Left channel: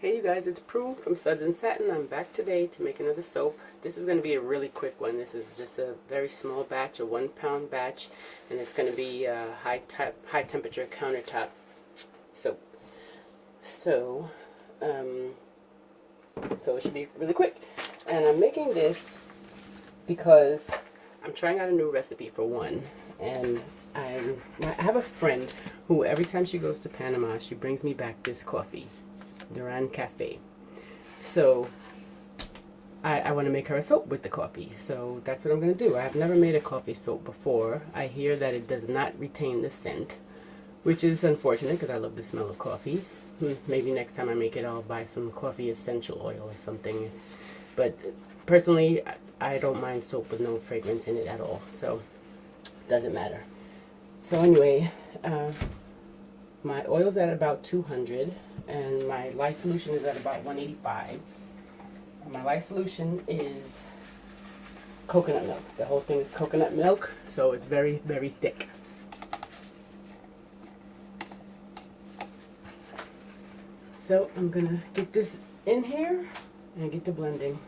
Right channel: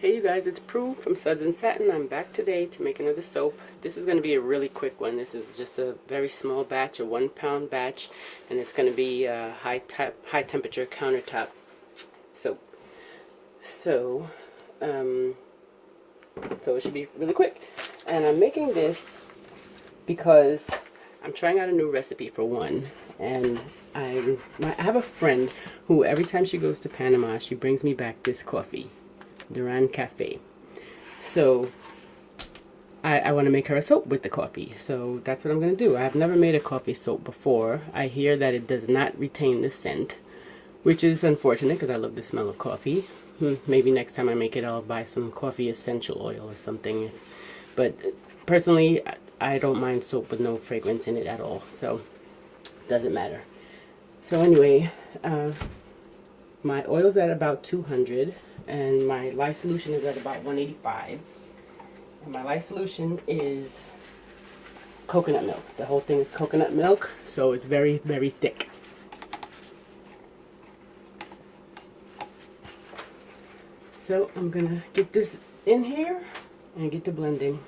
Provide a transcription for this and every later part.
Hey you guys, it's Prue from Suds and Satin. I'm back today to make another soap. This is going to be a really quick one. This is just a very small batch, a 1 pound batch, and it's going to be a high temperature countertop soap. So it should be really quick. And I'm making this because I'm trying out a new recipe for one. And I have a friend who every time she goes to Panama, she brings me back this coffee. Duran Cafe. So I want to make her a soap with the coffee. So that's what I'm going to do. I've never made a coffee soap before. I hear that it does not retain the scent, which is unfortunate because I love the smell of coffee. Maybe next time I make it, I'll buy some coffee essential oil or something. But personally, I don't mind soap with no fragrance in it at all. So it doesn't matter. So anyway, my oil's at about 200 and my lye solution is at about 185. And my lye solution is coconut milk. The whole thing is coconut milk, so it's very, very thick. So I'm gonna get this in here and get to blending.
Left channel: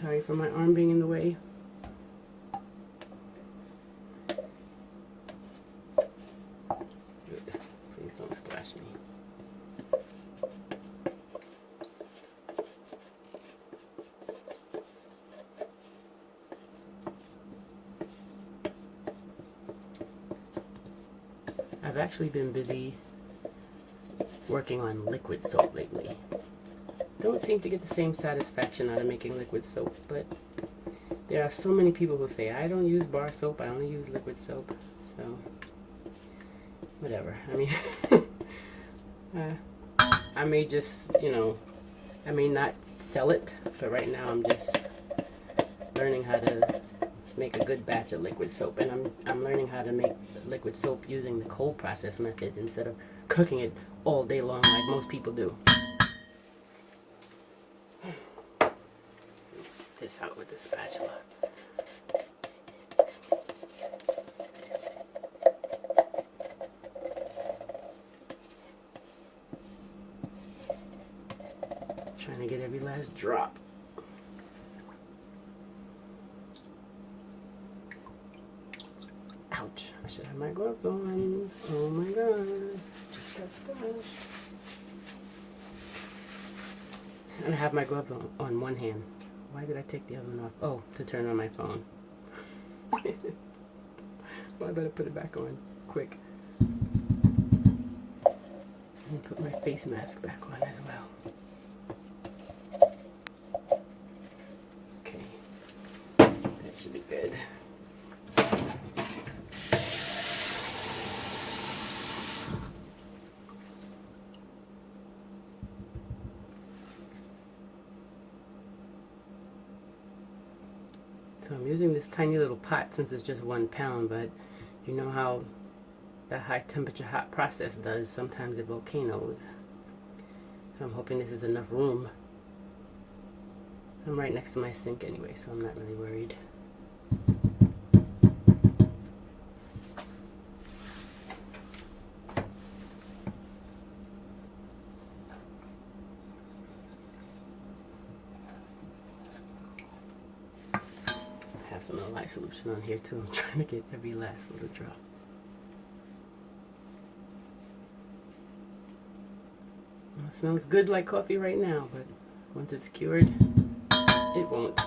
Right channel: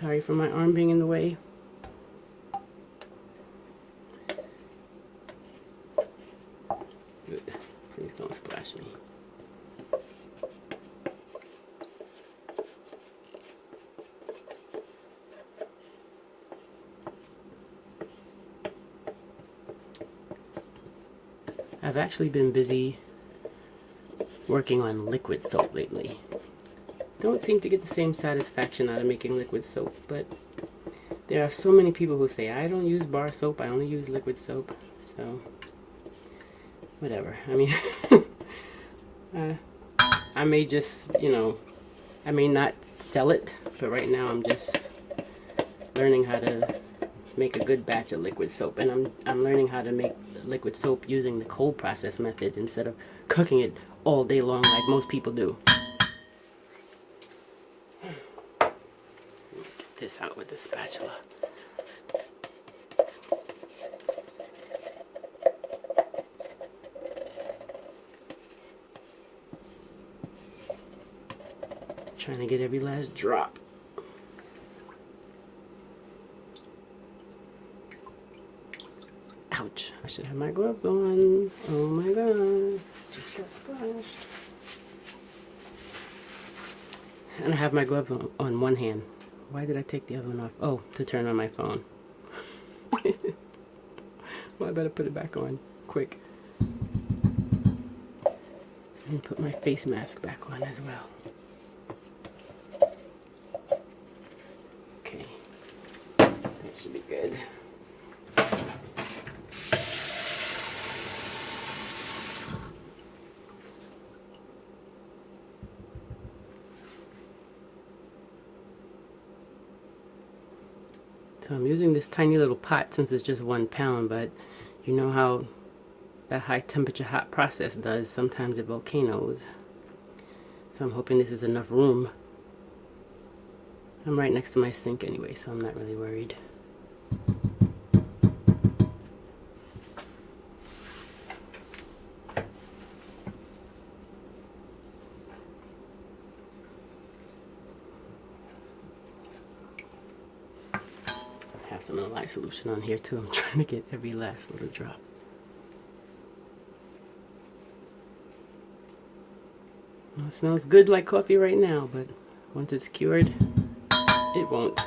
Sorry for my arm being in the way. Please don't splash me. I've actually been busy working on liquid soap lately. Don't seem to get the same satisfaction out of making liquid soap, but there are so many people who say, I don't use bar soap, I only use liquid soap, so whatever. I mean, I may just, I may not sell it, but right now I'm just learning how to make a good batch of liquid soap, and I'm learning how to make liquid soap using the cold process method instead of cooking it all day long like most people do. Get this out with the spatula. Trying to get every last drop. Ouch, I should have my gloves on. Oh my god, just got splashed. And I have my gloves on one hand. Why did I take the other one off? Oh, to turn on my phone. Well, I better put it back on quick. And put my face mask back on as well. Okay, that should be good. So I'm using this tiny little pot since it's just 1 pound, but you know how that high temperature hot process does. Sometimes it volcanoes. So I'm hoping this is enough room. I'm right next to my sink anyway, so I'm not really worried. I have some of the lye solution on here too. I'm trying to get every last little drop. Well, it smells good like coffee right now, but once it's cured, it won't.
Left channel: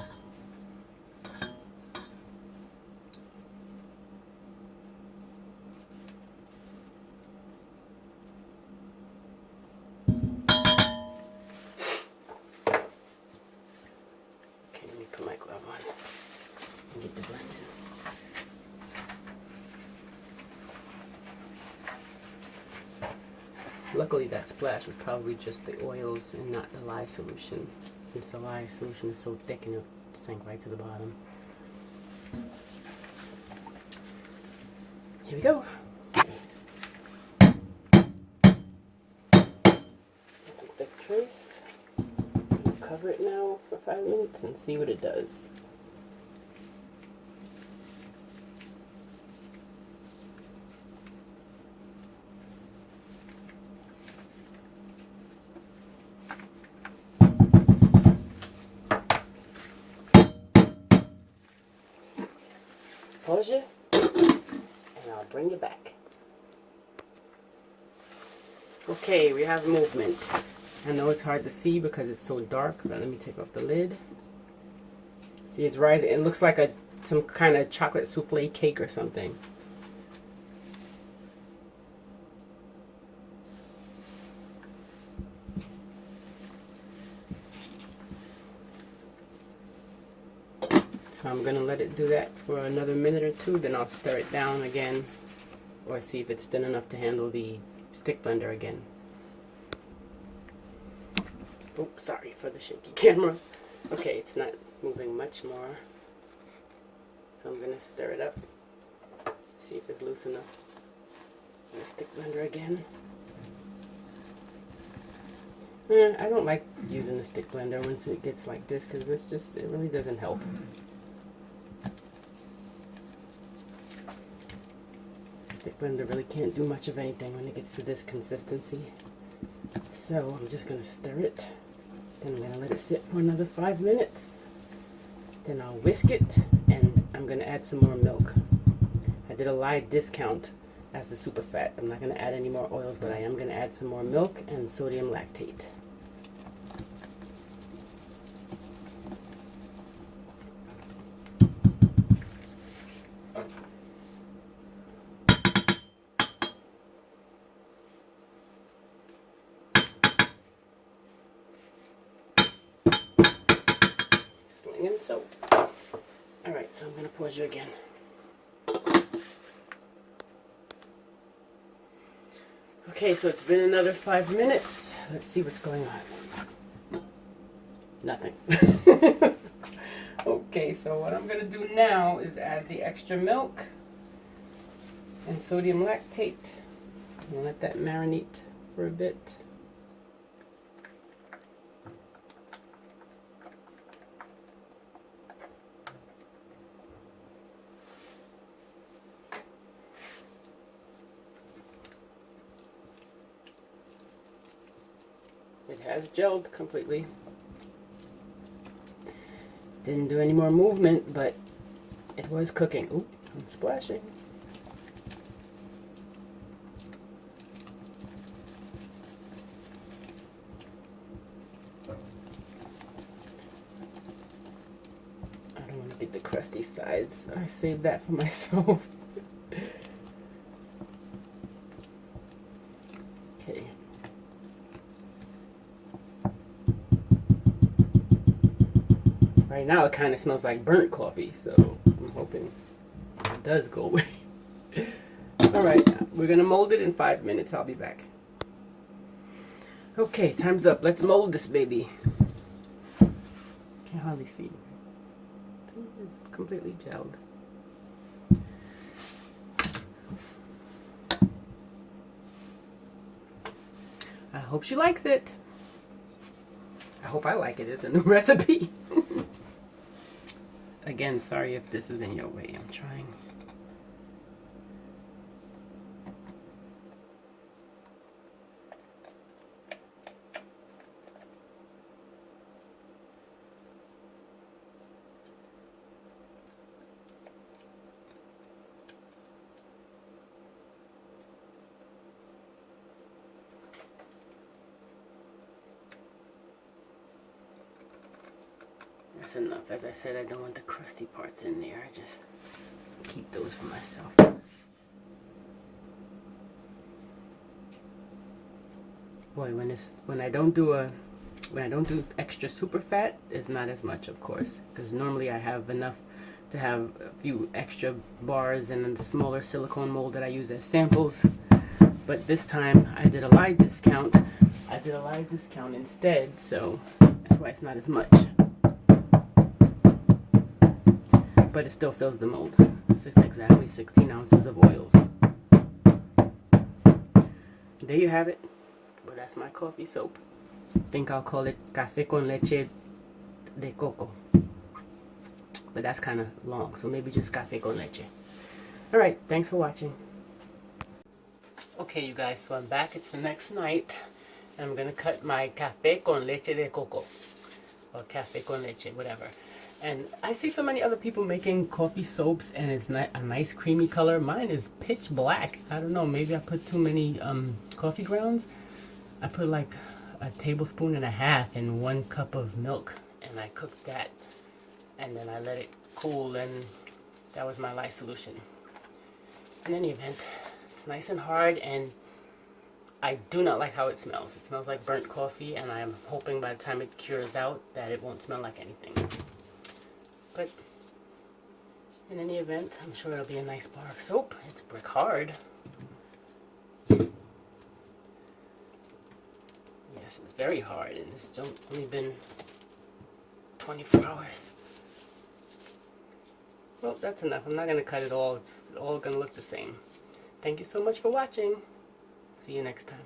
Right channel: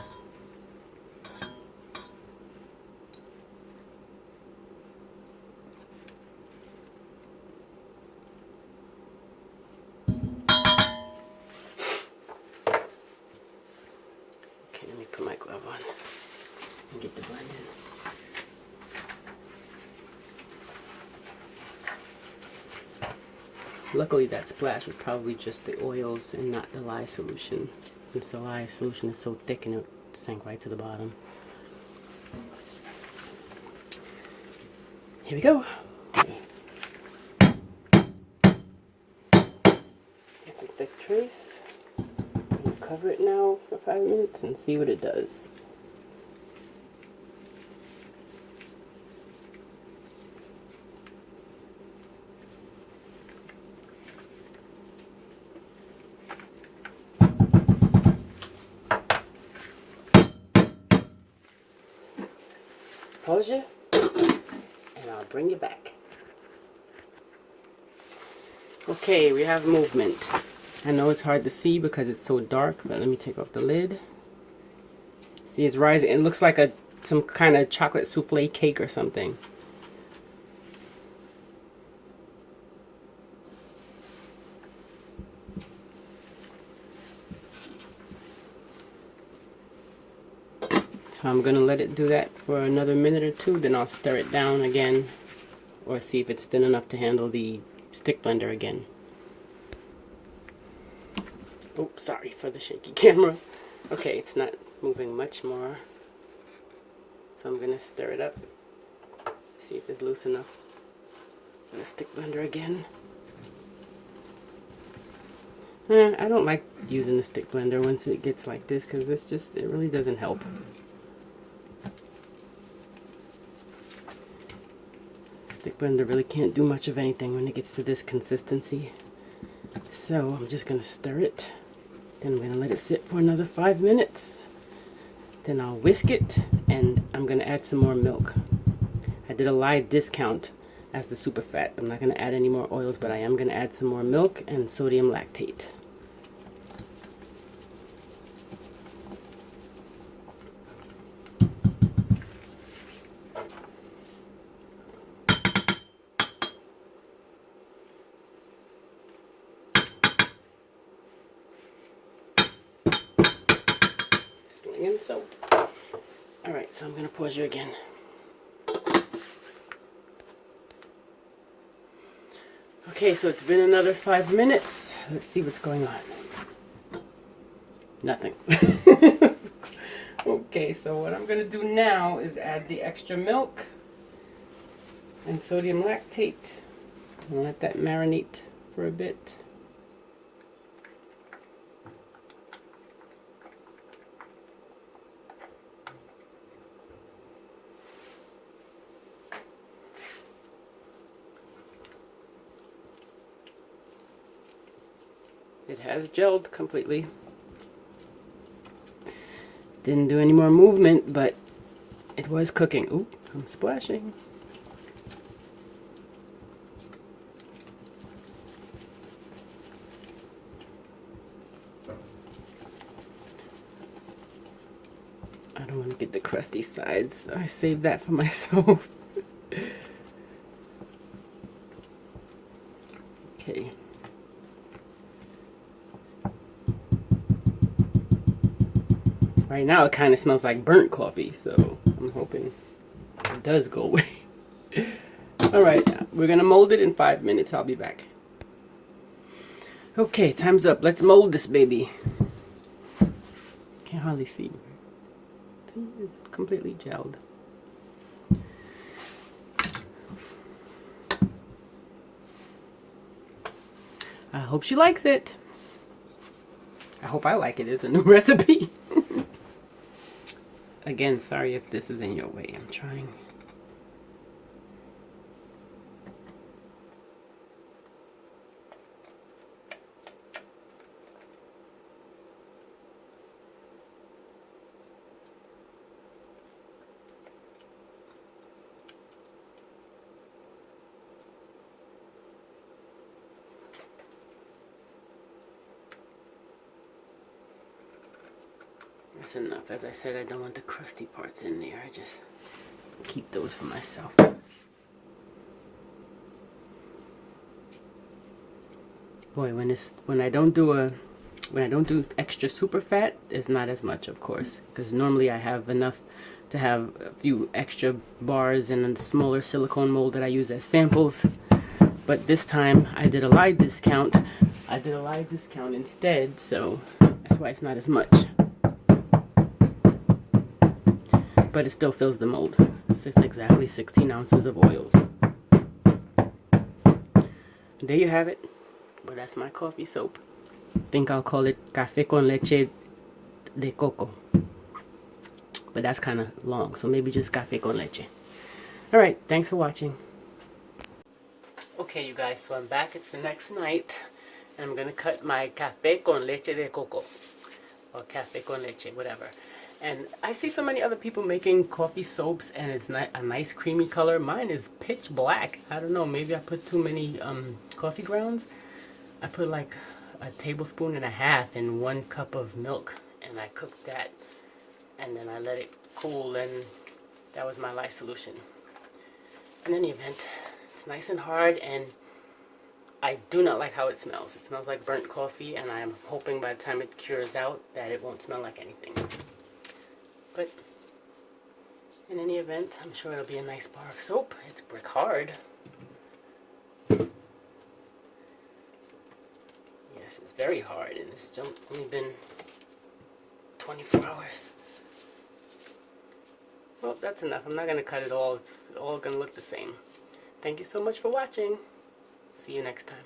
Okay, let me put my glove on and get the blend in. Luckily that splash was probably just the oils and not the lye solution, since the lye solution is so thick and it sank right to the bottom. Here we go. It's a thick trace. I'll cover it now for 5 minutes and see what it does. pause you, and I'll bring you back. Okay, we have movement. I know it's hard to see because it's so dark, but let me take off the lid. See, it's rising. It looks like some kind of chocolate souffle cake or something. So I'm going to let it do that for another minute or two, then I'll stir it down again, or see if it's thin enough to handle the stick blender again. Oops, sorry for the shaky camera. Okay, it's not moving much more. So I'm going to stir it up, see if it's loose enough. And the stick blender again. I don't like using the stick blender once it gets like this, because it really doesn't help. Stick blender really can't do much of anything when it gets to this consistency. So I'm just going to stir it. Then I'm going to let it sit for another 5 minutes. Then I'll whisk it, and I'm going to add some more milk. I did a live discount as the super fat. I'm not going to add any more oils, but I am going to add some more milk and sodium lactate. So, alright, so I'm going to pause you again. Okay, so it's been another 5 minutes. Let's see what's going on. Nothing. Okay, so what I'm going to do now is add the extra milk and sodium lactate and let that marinate for a bit. It has gelled completely. Didn't do any more movement, but it was cooking. Oop, I'm splashing. I don't want to get the crusty sides. I saved that for myself. Okay. Right now it kind of smells like burnt coffee, so I'm hoping it does go away. Alright, we're going to mold it in 5 minutes. I'll be back. Okay, time's up. Let's mold this baby. Can't hardly see. It's completely gelled. I hope she likes it. I hope I like it. It's a new recipe. Again, sorry if this is in your way. I'm trying. That's enough. As I said, I don't want the crusty parts in there. I just keep those for myself. Boy, when I don't do extra super fat, it's not as much, of course, because normally I have enough to have a few extra bars in a smaller silicone mold that I use as samples. But this time I did a live discount. I did a live discount instead, so that's why it's not as much. But it still fills the mold. It's just exactly 16 ounces of oils. There you have it. Well, that's my coffee soap. I think I'll call it Café con Leche de Coco. But that's kind of long, so maybe just Café con Leche. Alright, thanks for watching. Okay, you guys, so I'm back. It's the next night. And I'm going to cut my Café con Leche de Coco. Or Café con Leche, whatever. And I see so many other people making coffee soaps and it's a nice creamy color. Mine is pitch black. I don't know, maybe I put too many coffee grounds. I put like a tablespoon and a half in 1 cup of milk, and I cooked that, and then I let it cool, and that was my lye solution. In any event, it's nice and hard, and I do not like how it smells. It smells like burnt coffee, and I am hoping by the time it cures out that it won't smell like anything. But in any event, I'm sure it'll be a nice bar of soap. It's brick hard. Yes, it's very hard, and it's only been 24 hours. Well, that's enough. I'm not going to cut it all. It's all going to look the same. Thank you so much for watching. See you next time.